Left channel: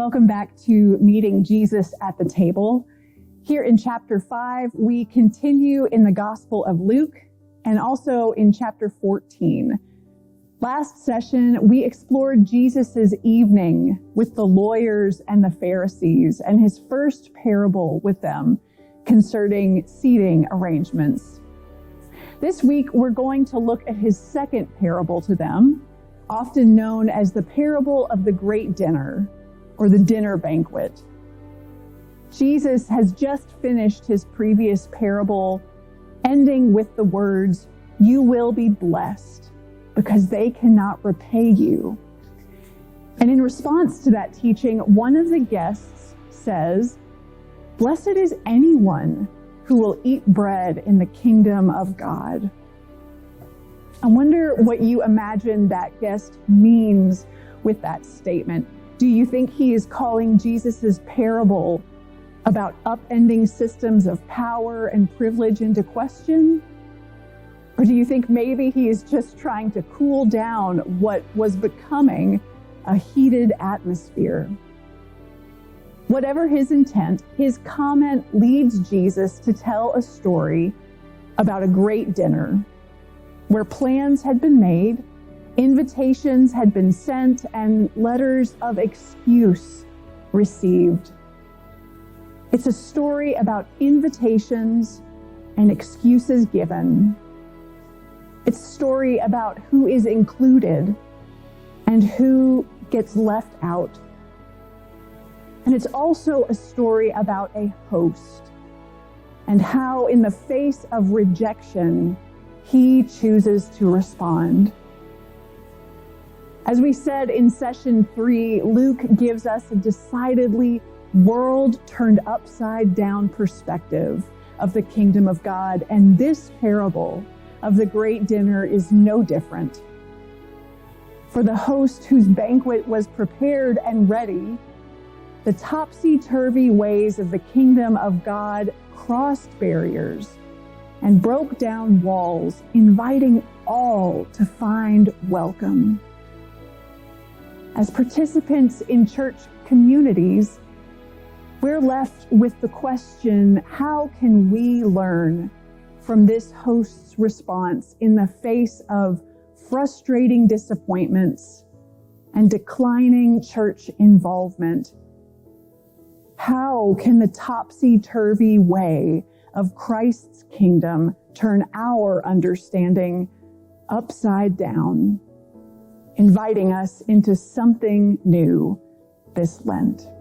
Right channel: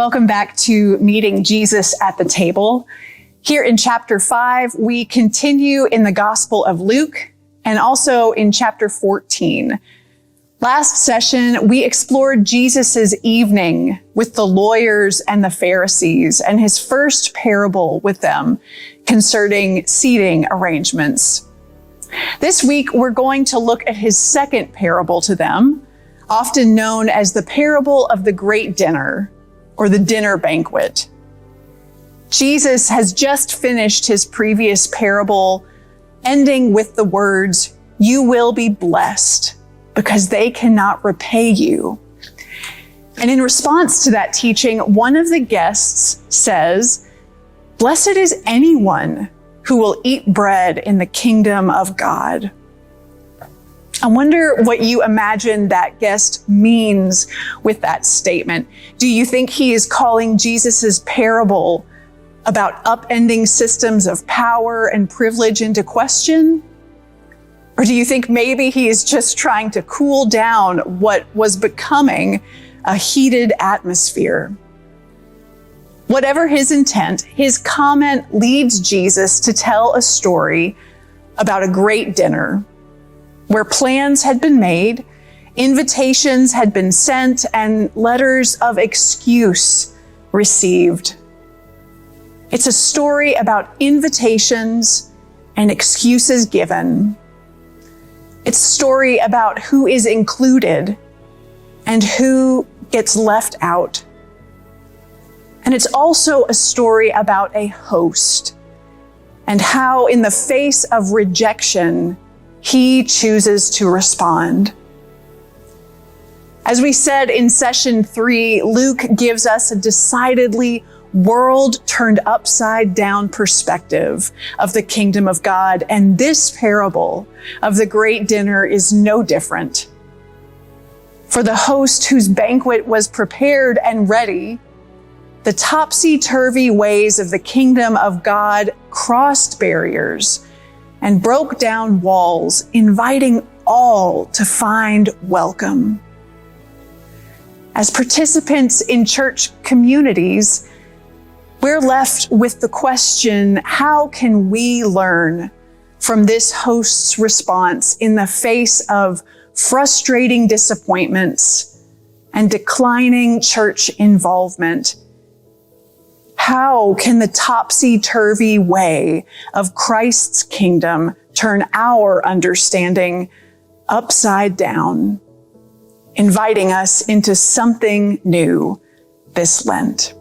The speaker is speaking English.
Welcome back to Meeting Jesus at the Table. Here in chapter 5, we continue in the Gospel of Luke and also in chapter 14. Last session, we explored Jesus's evening with the lawyers and the Pharisees and his first parable with them concerning seating arrangements. This week, we're going to look at his second parable to them, often known as the parable of the great dinner, or the dinner banquet. Jesus has just finished his previous parable, ending with the words, "You will be blessed, because they cannot repay you." And in response to that teaching, one of the guests says, "Blessed is anyone who will eat bread in the kingdom of God." I wonder what you imagine that guest means with that statement. Do you think he is calling Jesus's parable about upending systems of power and privilege into question? Or do you think maybe he is just trying to cool down what was becoming a heated atmosphere? Whatever his intent, his comment leads Jesus to tell a story about a great dinner where plans had been made, invitations had been sent, and letters of excuse received. It's a story about invitations and excuses given. It's a story about who is included and who gets left out. And it's also a story about a host and how, in the face of rejection, he chooses to respond. As we said in session 3, Luke gives us a decidedly world turned upside down perspective of the kingdom of God, and this parable of the great dinner is no different. For the host whose banquet was prepared and ready, the topsy-turvy ways of the kingdom of God crossed barriers and broke down walls, inviting all to find welcome. As participants in church communities, we're left with the question, how can we learn from this host's response in the face of frustrating disappointments and declining church involvement? How can the topsy-turvy way of Christ's kingdom turn our understanding upside down, inviting us into something new this Lent?